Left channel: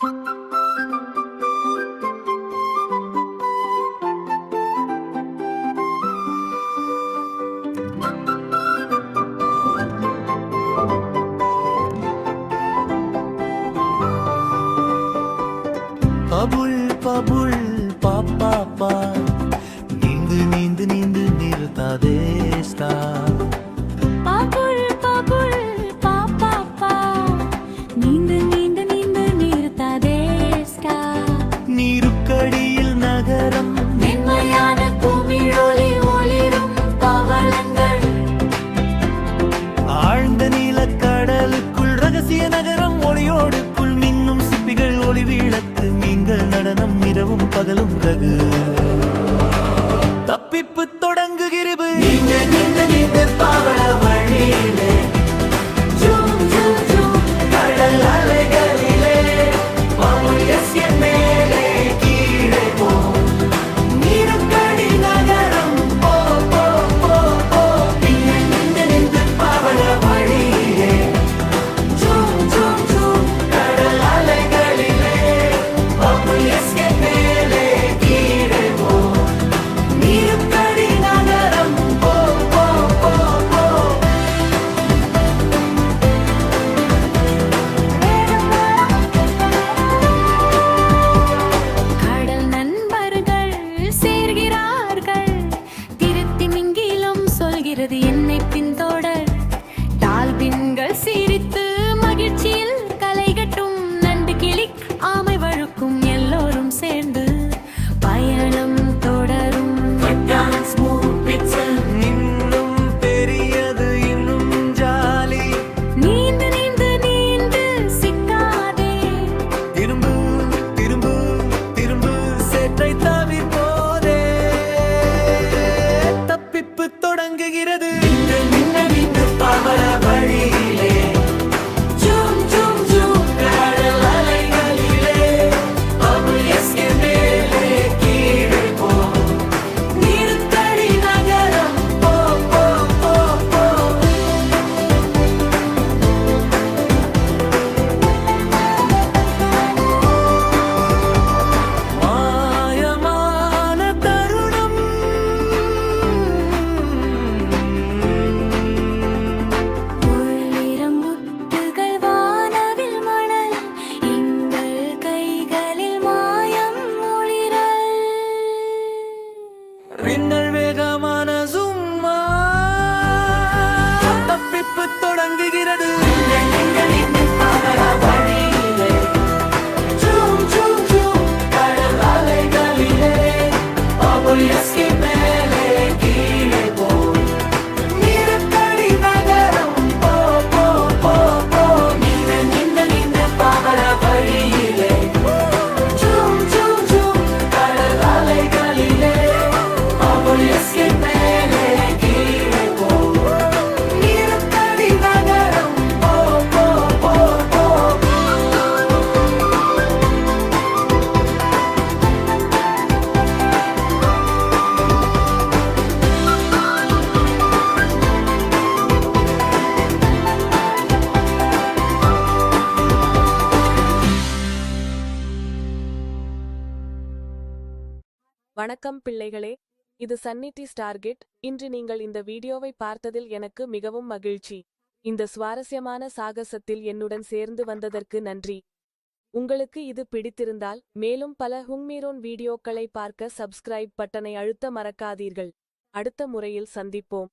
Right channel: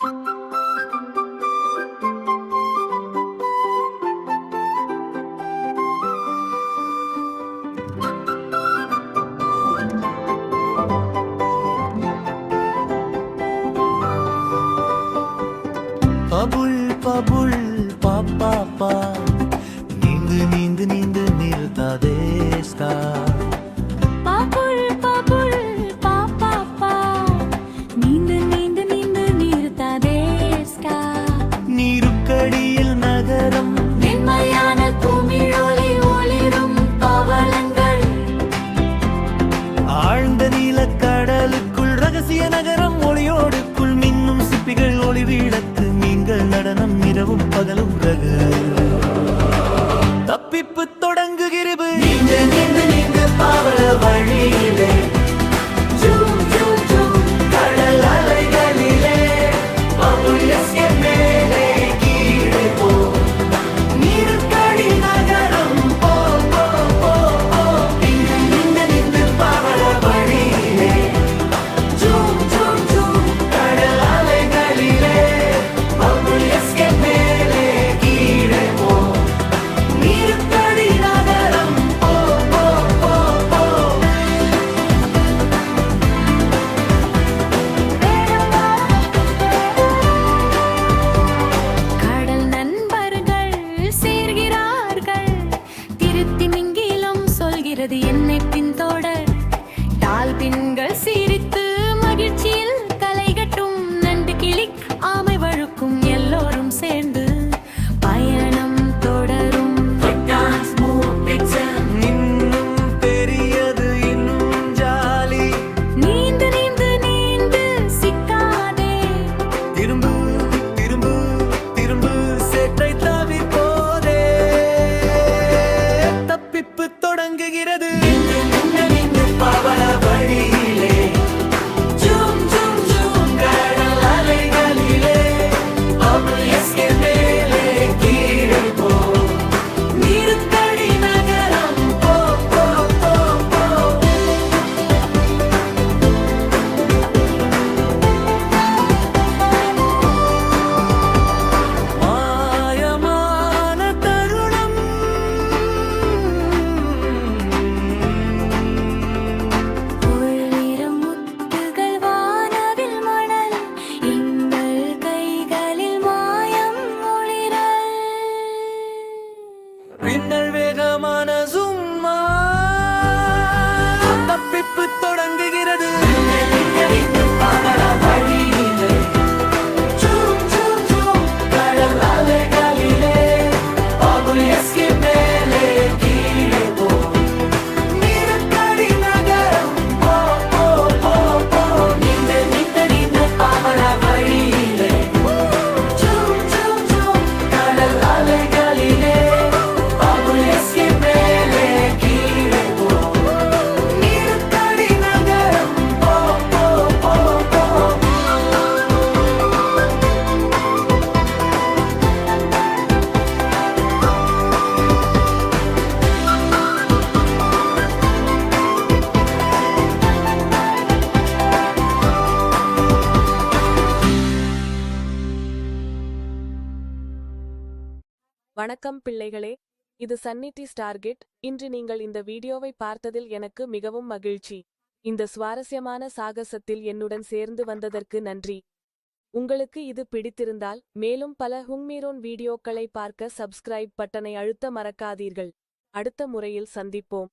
Bubble bubble பாப்பா நீந்து நீந்து நீந்து நிறுத்தாதே ஸ்கா. Bubble bubble பாப்பா நீந்து நீந்து நீந்து நிறுத்தாதே ஸ்கா. நீருக்கடியில் நகரம் மென்மையான பூமிழொலி ஒளிரும் பவளங்கள். ஆழ்ந்த நீலக்கடலுக்குள் ரகசிய நகரம் ஒளியோடுக்குள் மின்னும் சிப்பிகள் ஒளி விளக்கு மீன்கள் நடனம் இரவும் பகலும் ரகு. தப்பிப்பு தொடங்குகிறது நீந்து நீந்து நீந்து பவள வழியிலே ஜூம் ஜூம் ஜூம் கடல் அலைகளிலே பபுள் எஸ்கேப் மேலே கீழே போ. நீருக்கடி நகரம் போ போ போ போ. நின்று நின்று நின்று பவள வழியிலே ஜூம் ஜூம் ஜூம் கடல் அலைகளிலே பபுள் எஸ்கேப் மேலே கீழே போ. நீருக்கடி நகரம் போ போ போ போ. கடல் நண்பர்கள் சேர்கிறார்கள். திருத்தி மிங்கிலும் சொல்கிறது என்னை பின்தொடர். டால்பின்கள் சிரித்து மகிழ்ச்சியில் கலைகட்டும். நண்டு கிளி ஆமை வழுக்கும் எல்லோரும் சேர்ந்து பயணம் தொடரும். இன்னும் பெரியது இன்னும் ஜாலி. நீந்து நீந்து நீந்து சிக்காதே. திரும்பு திரும்பு திரும்பு சேற்றை தவிர்ப்போதே. தப்பிப்பு தொடங்குகிறது நின்று நின்று நின்று பவள வழியிலே ஜூம் ஜூம் ஜூம் கடல் அலைகளிலே பபுள் எஸ்கேப் மேலே கீழே போ. நீருக்கடி நகரம் போ போ போ போ. மாயமான தருணம் உள்ளிரம் முத்துகள் வானவில் மணல். எங்கள் கைகளில் மாயம் ஒளிரல். பின்னல் வேகமான சும்மா. தப்பிப்பு தொடங்குகிறது ஜூம் ஜூம் ஜூம் கடல் அலைகளிலே பபுள் எஸ்கேப் மேலே கீழே போ. நீருக்கடி நகரம் போ போ போ போ. நின்று நின்று நின்று பவள வழியிலே ஜூம் ஜூம் ஜூம் கடல் அலைகளிலே பபுள் எஸ்கேப் மேலே கீழே போ. நீருக்கடி நகரம் போ போ போ போ. வணக்கம் பிள்ளைகளே, இது சன்னிட்டி ஸ்டார்கெட். இன்று நீங்கள் இந்த வீடியோவை பார்த்ததில் எனக்கு மிகவும் மகிழ்ச்சி. இந்த சுவாரஸ்யமான சாகசத்தில் என்னுடன் சேர்ந்து வந்ததற்கு நன்றி. உங்களுக்கு இது பிடித்திருந்தால் மேலும் பல ஹுங்மீரோன் வீடியோக்களை பார்க்க சப்ஸ்கிரைப் பட்டனை அழுத்த மறக்காதீர்கள். அடுத்த முறையில் சந்திப்போம்.